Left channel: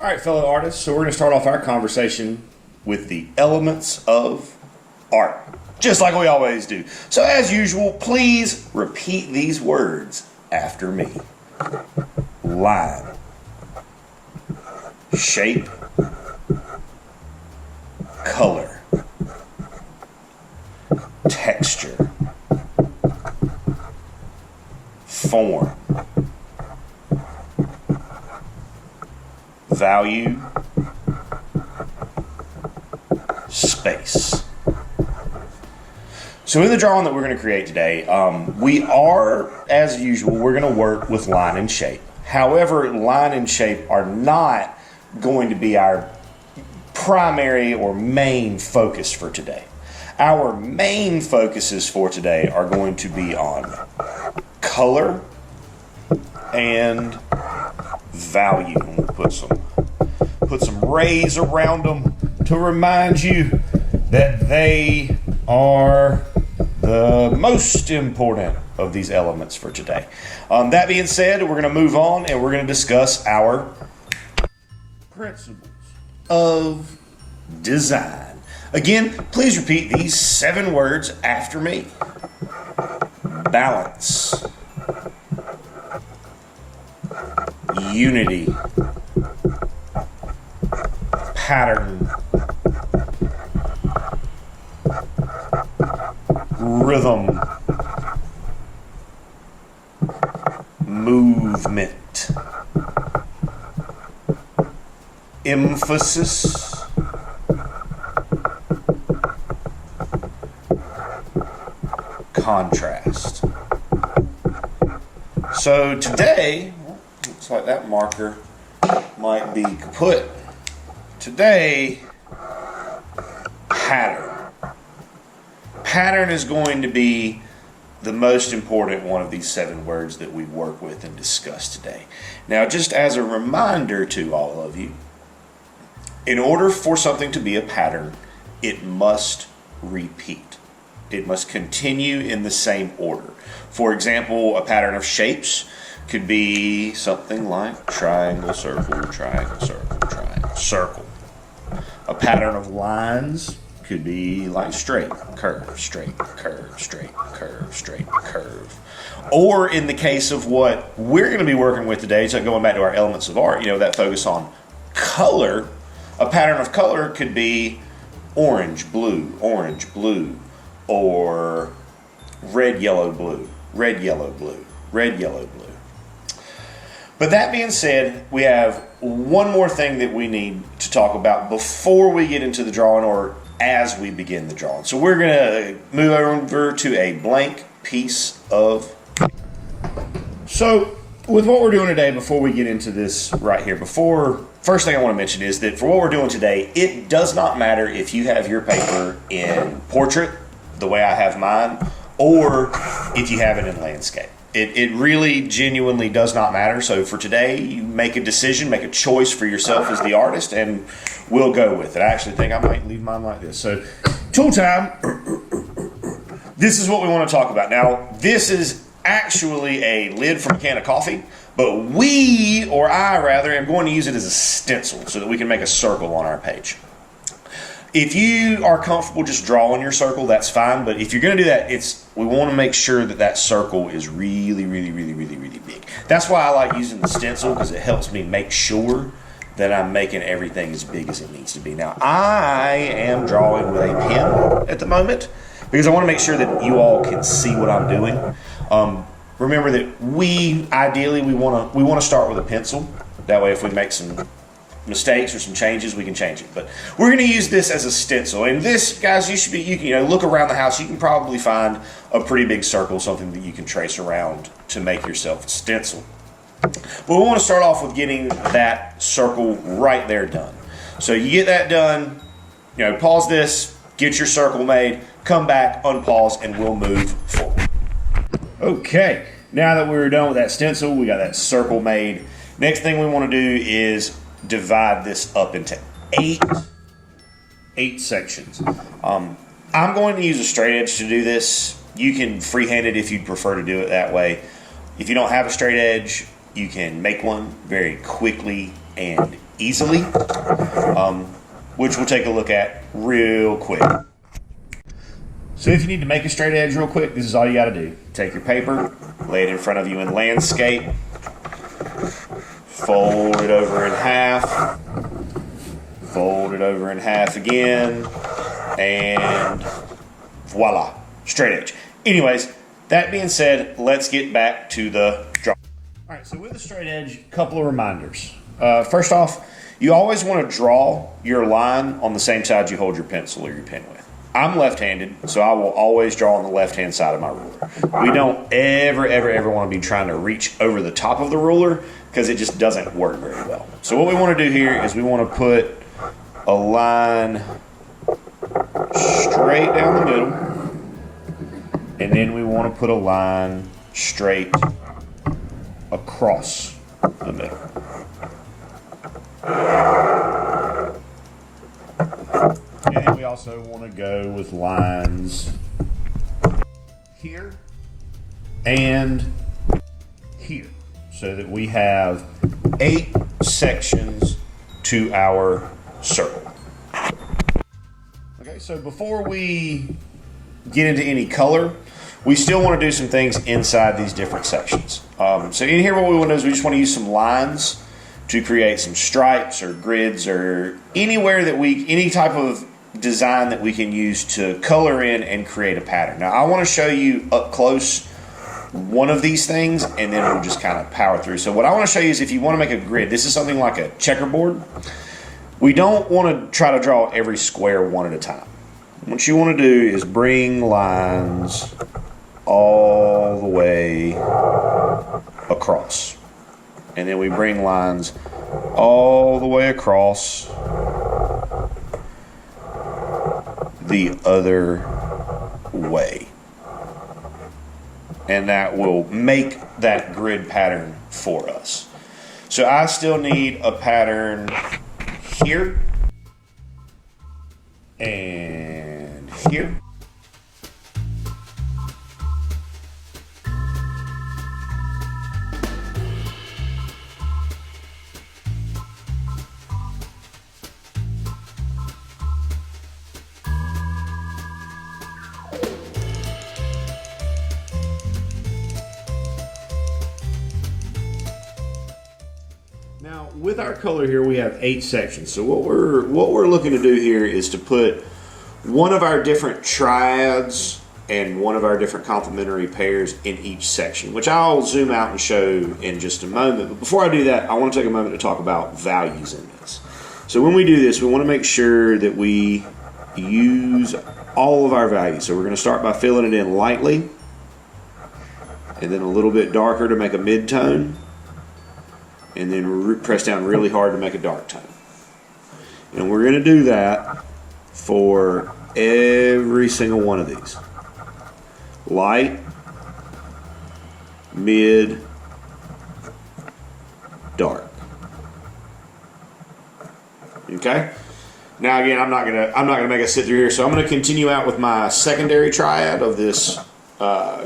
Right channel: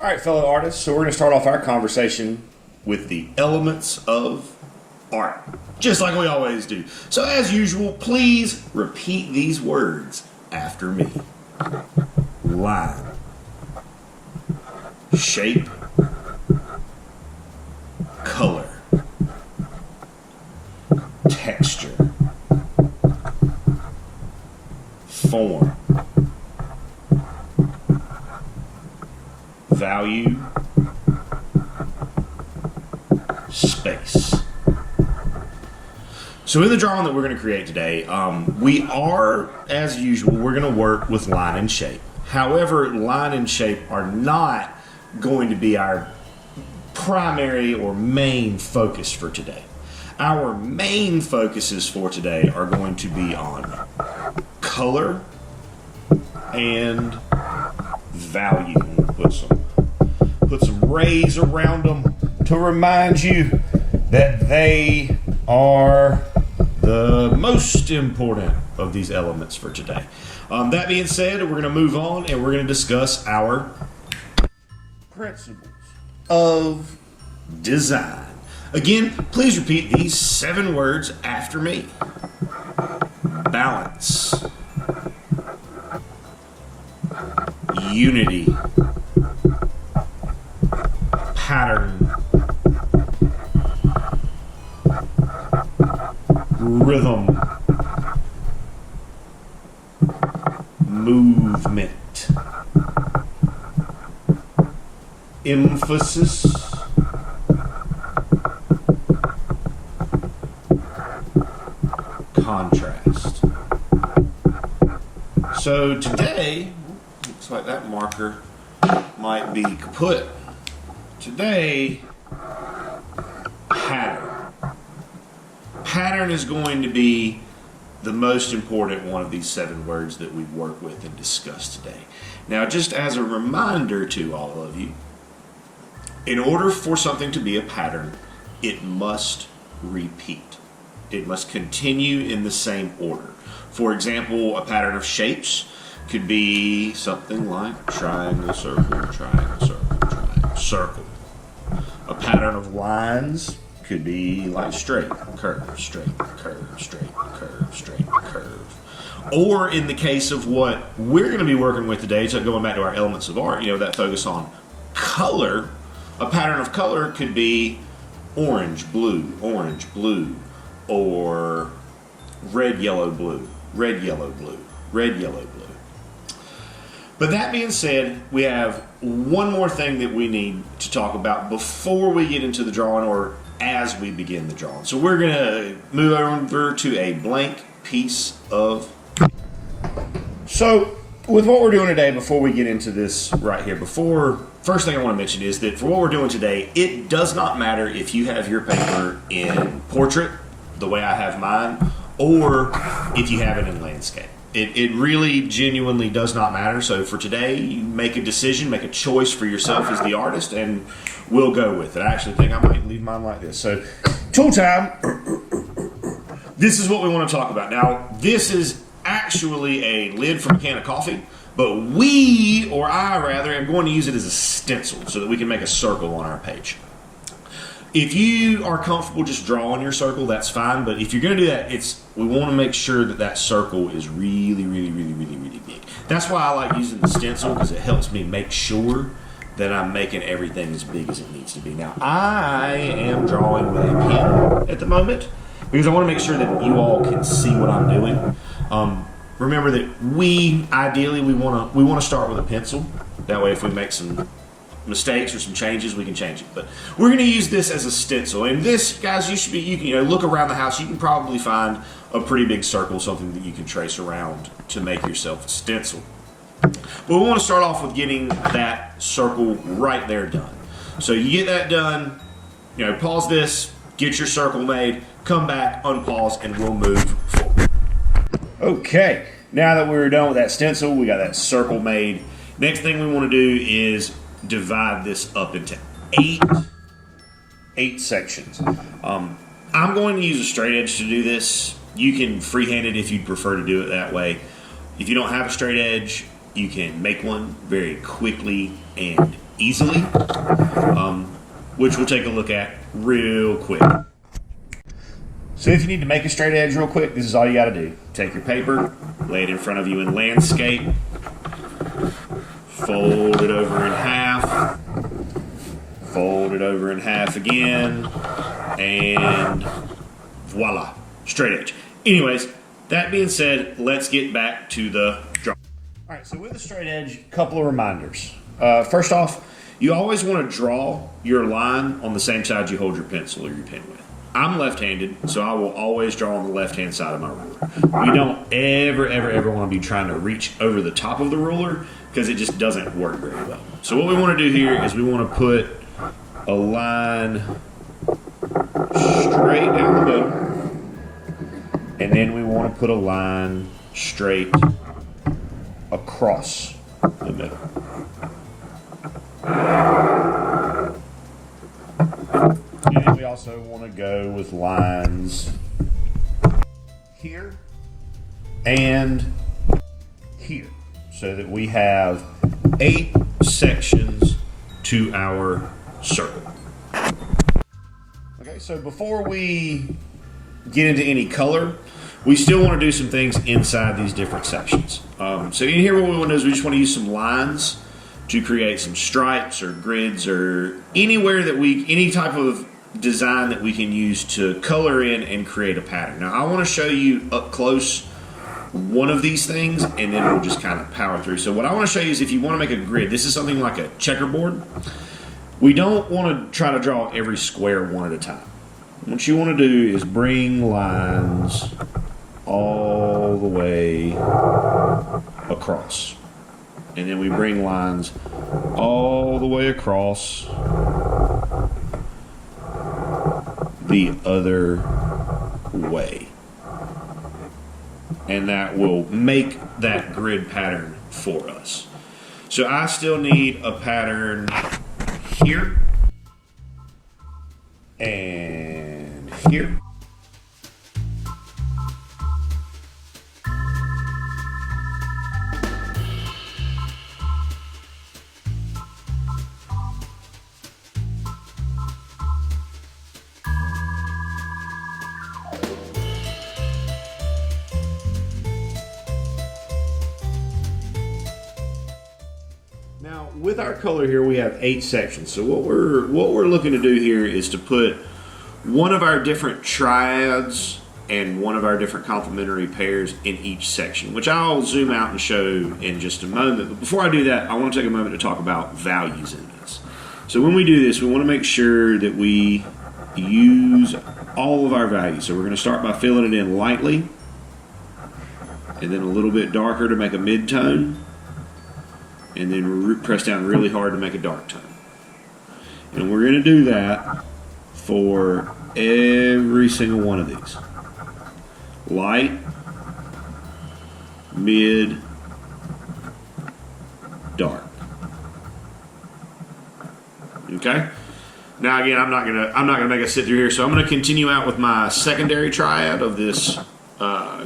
All right, fellow artists, so we're going to start off our conversation with the elements of art, just like we always do. So as usual, please repeat these words after me. Line, shape, color, texture, form, value, space. So in the drawing that we're going to create today, we are, as usual, we're going to work with line and shape. However, line and shape are not going to be our primary or main focus for today. Our main focuses for today are going to be on color and value. We'll put some rays around them to remind you that they are the most important of these elements for today. That being said, we're going to move on and we're going to discuss our principles of design. Again, please repeat these 7 words after me. Balance, unity, pattern, rhythm, movement, emphasis, contrast. So today, looks like that marker might be kaput. Today, pattern. Pattern is going to be the most important one of these 7 words that we work with and discuss today. Now, just as a reminder to all of you, in order for something to be a pattern, it must repeat. It must continue in the same order. For example, a pattern of shapes could be something like triangle, circle, triangle, circle, triangle, circle. A pattern of lines could be like straight, curve, straight, curve, straight, curve, straight, curve. Or in the case of what we're going to be working with today, so going back to our elements of art, that focus on color, a pattern of color could be orange, blue, or red, yellow, blue, red, yellow, blue, red, yellow, blue. But that being said, we have one more thing that we need to talk about before we get into the drawing or as we begin the drawing. So we're going to move over to a blank piece of... So with what we're doing today, before we get into this right here, first thing I want to mention is that for what we're doing today, it does not matter if you have your paper in portrait, the way I have mine, or if you have it in landscape. It really genuinely does not matter. So for today, you make a decision, make a choice for yourself as the artist, and we'll go with it. I actually think I might leave mine like this. So tool time, this is what we want to talk about. Now, this is actually a lid from a can of coffee, but I am going to use it as a stencil so that we can make a circle on our page. If you are comfortable just drawing your circle, that's fine. But if you're going to do that, we want to make sure that circle is really, really, really, really, really big. That's why I like using the stencil, because it helps me make sure that I'm making everything as big as it needs to be. Now, I am drawing with a pen at the moment because I want to make sure that you all can see what I'm doing. Remember that we want to start with a pencil. That way, if we make some mistakes or some changes, we can change it. But we're going to use this as a stencil. And this, guys, you can look around the house. You can probably find a pretty big circle, something that you can trace around to make yourself a stencil. But we want to start off with getting that circle right there done. So you get that done, pause this, get your circle made, come back, unpause, and we'll move forward. Okay, now that we're done with that stencil, we got that circle made. Next thing we want to do is divide this up into eight sections. I'm going to use a straight edge to do this. You can freehand it if you'd prefer to do it that way. If you don't have a straight edge, you can make one very quickly and easily, which we'll take a look at real quick. So if you need to make a straight edge real quick, this is all you got to do. Take your paper, lay it in front of you in landscape, fold it over in half, fold it over in half again, and voila, straight edge. Anyways, that being said, let's get back to the draw. All right, so with the straight edge, a couple of reminders. First off, you always want to draw your line on the same side you hold your pencil or your pen with. I'm left-handed, so I will always draw on the left-hand side of my ruler. We don't ever want to be trying to reach over the top of the ruler because it just doesn't work very well. So what we want to do here is we want to put a line straight down the middle, and then we want to put a line straight across the middle. And we also want to go with lines here and here so that we have 8 sections to our circle. Okay, so before we get into any color, we still want to do some things inside these different sections. So in here what we want to do is we just want to use some lines to create some stripes or grids or anywhere that any type of design that we can use to color in and create a pattern. Now I want to show you up close one of these things and then we'll just kind of power through. So what I want to show you is if you want to make a grid, this is something like a checkerboard. We don't want to try to draw every square one at a time. What you want to do is bring lines all the way across. And then we bring lines all the way across the other way. And that will make that grid pattern for us. So I still need a pattern here and here. Now, with our color here, we have 8 sections. So what we're looking to do here is to put one of our different triads and one of our different complementary pairs in each section, which I'll zoom out and show in just a moment. But before I do that, I want to take a moment to talk about values in this. So when we do this, we want to make sure that we use all of our values. So we're going to start by filling it in lightly, and then a little bit darker to make a mid-tone, and then press down really hard to make a dark tone. And we're going to do that for every single one of these. Light, mid, dark. Okay? Now again, I'm not gonna make us sit through here, so I'm gonna continue out with my secondary triad of this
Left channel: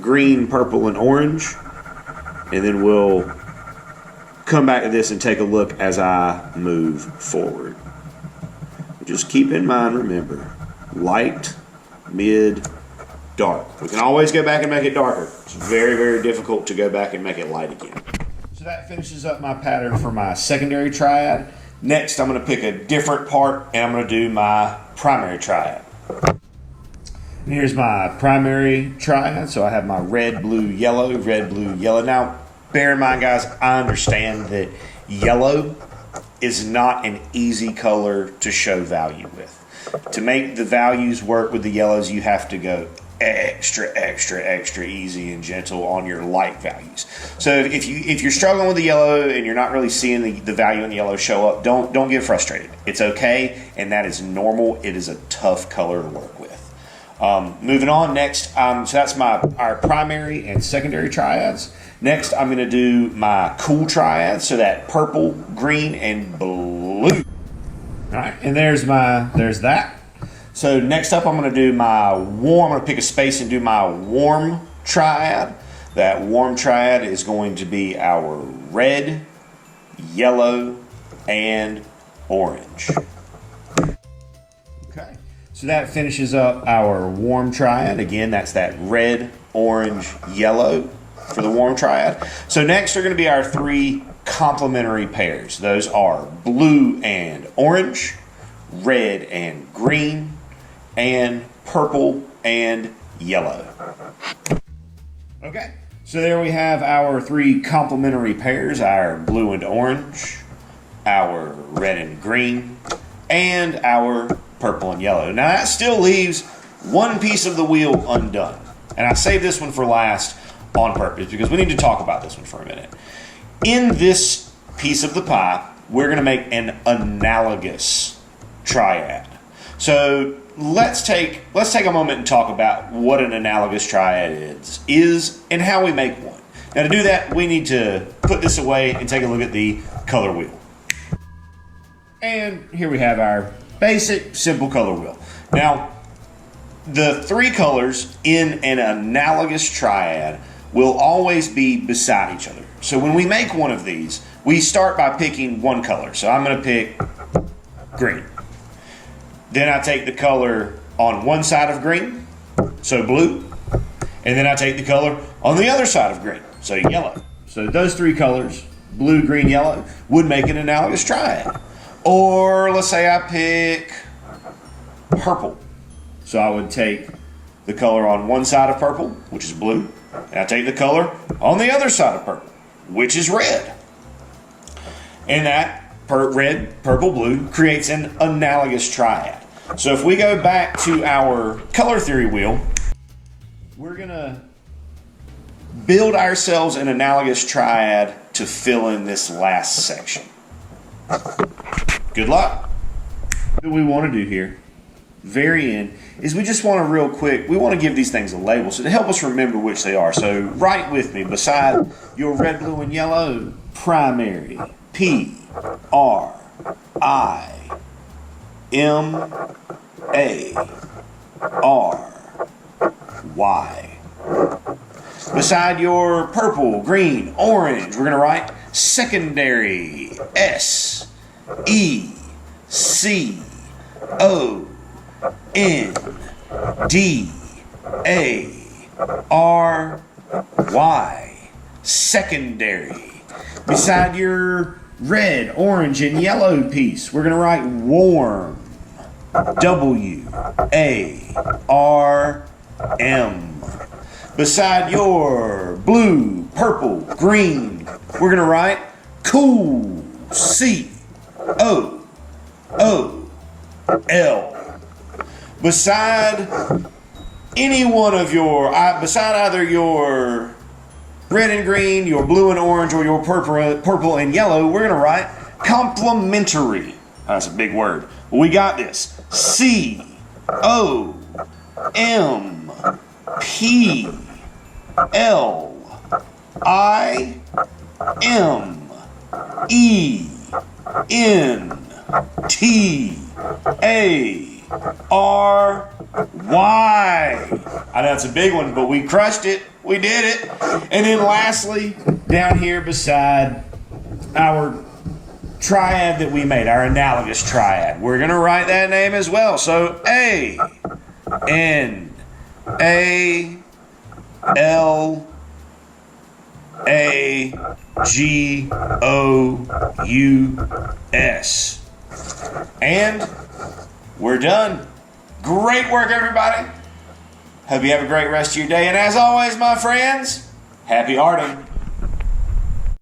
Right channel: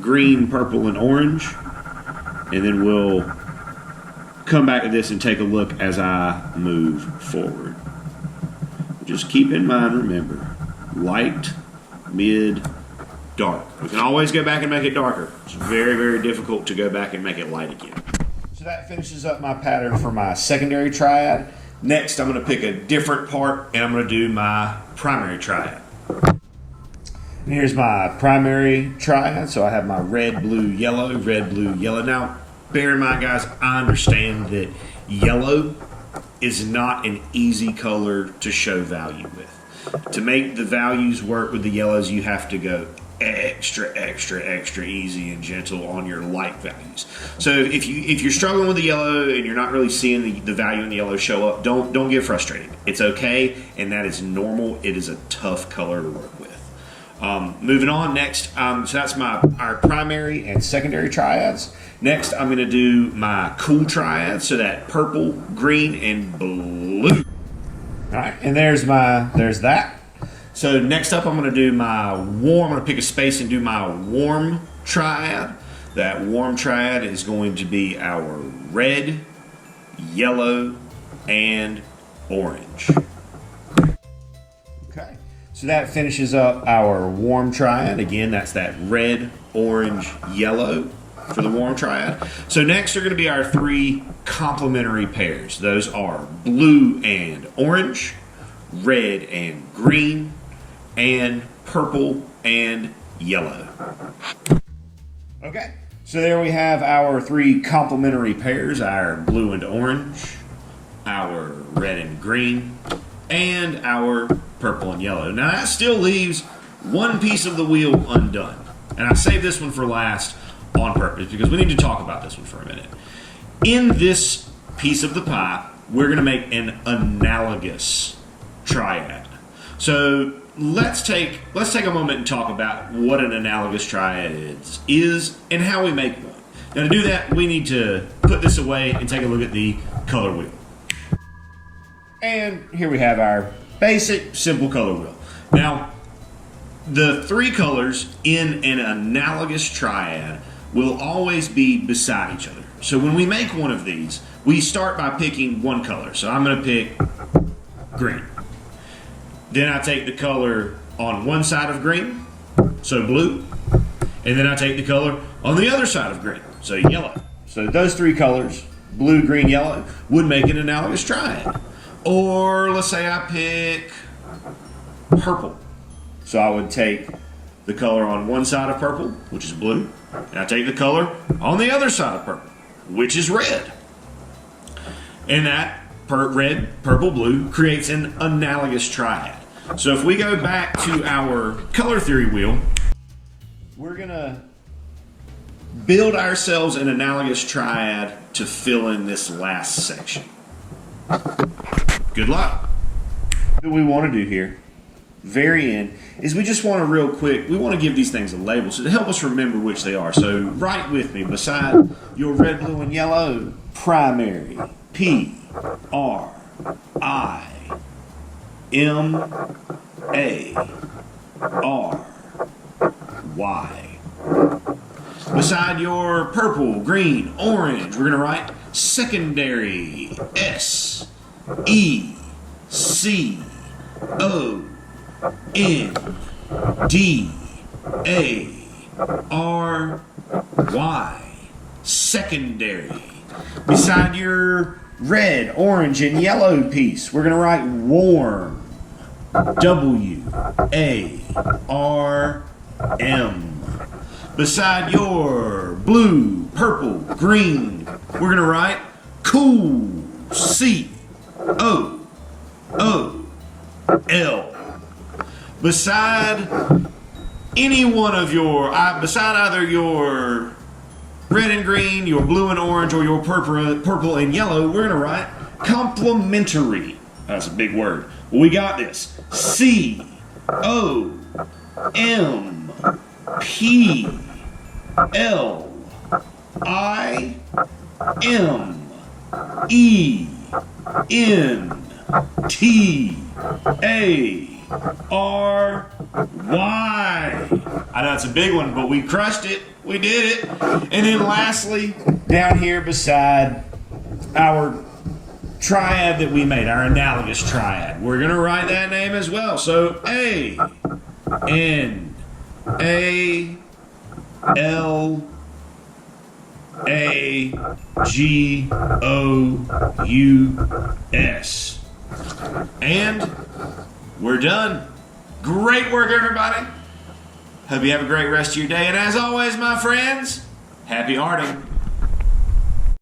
green, purple, and orange, and then we'll come back to this and take a look as I move forward. Just keep in mind, remember, light, mid, dark. We can always go back and make it darker. It's very, very difficult to go back and make it light again. So that finishes up my pattern for my secondary triad. Next, I'm going to pick a different part and I'm going to do my primary triad. And here's my primary triad. So I have my red, blue, yellow, red, blue, yellow. Now, bear in mind, guys, I understand that yellow is not an easy color to show value with. To make the values work with the yellows, you have to go extra easy and gentle on your light values. So if you're struggling with the yellow and you're not really seeing the value in the yellow show up, don't get frustrated. It's okay, and that is normal. It is a tough color to work with. Moving on, next, so that's our primary and secondary triads. Next, I'm going to do my cool triad, so that purple, green, and blue. All right, and there's that. So next up, I'm going to do my warm. I'm going to pick a space and do my warm triad. That warm triad is going to be our red, yellow, and orange. Okay, so that finishes up our warm triad. Again, that's that red, orange, yellow for the warm triad. So next are going to be our three complementary pairs. Those are blue and orange, red and green, and purple and yellow. Okay, so there we have our three complementary pairs, our blue and orange, our red and green, and our purple and yellow. Now that still leaves one piece of the wheel undone. And I saved this one for last on purpose because we need to talk about this one for a minute. In this piece of the pie, we're going to make an analogous triad. So let's take a moment and talk about what an analogous triad is and how we make one. Now to do that, we need to put this away and take a look at the color wheel. And here we have our basic, simple color wheel. Now, the three colors in an analogous triad will always be beside each other. So when we make one of these, we start by picking one color. So I'm going to pick green. Then I take the color on one side of green, so blue. And then I take the color on the other side of green, so yellow. So those three colors, blue, green, yellow, would make an analogous triad. Or let's say I pick purple. So I would take the color on one side of purple, which is blue, and I take the color on the other side of purple, which is red. And that red, purple, blue creates an analogous triad. So if we go back to our color theory wheel, we're going to build ourselves an analogous triad to fill in this last section. Good luck. What we want to do here, very end, is we just want to real quick, we want to give these things a label so to help us remember which they are. So write with me, beside your red, blue, and yellow, primary, P-R-I-M-A-R-Y. Beside your purple, green, orange, we're going to write secondary, S-E-C-O-N-D-A-R-Y. Secondary. Beside your red, orange, and yellow piece, we're going to write warm. W-A-R-M. Beside your blue, purple, green, we're going to write cool. C-O-O-L. Beside any one of your, beside either your red and green, your blue and orange, or your purple and yellow, we're going to write complementary. That's a big word. But we got this. C-O-M-P-L-I-M-E-N-T-A-R-Y. I know it's a big one, but we crushed it. We did it. And then lastly, down here beside our triad that we made, our analogous triad, we're going to write that name as well. So A-N-A-L-A-G-O-U-S. And we're done. Great work, everybody. Hope you have a great rest of your day. And as always, my friends, happy arting.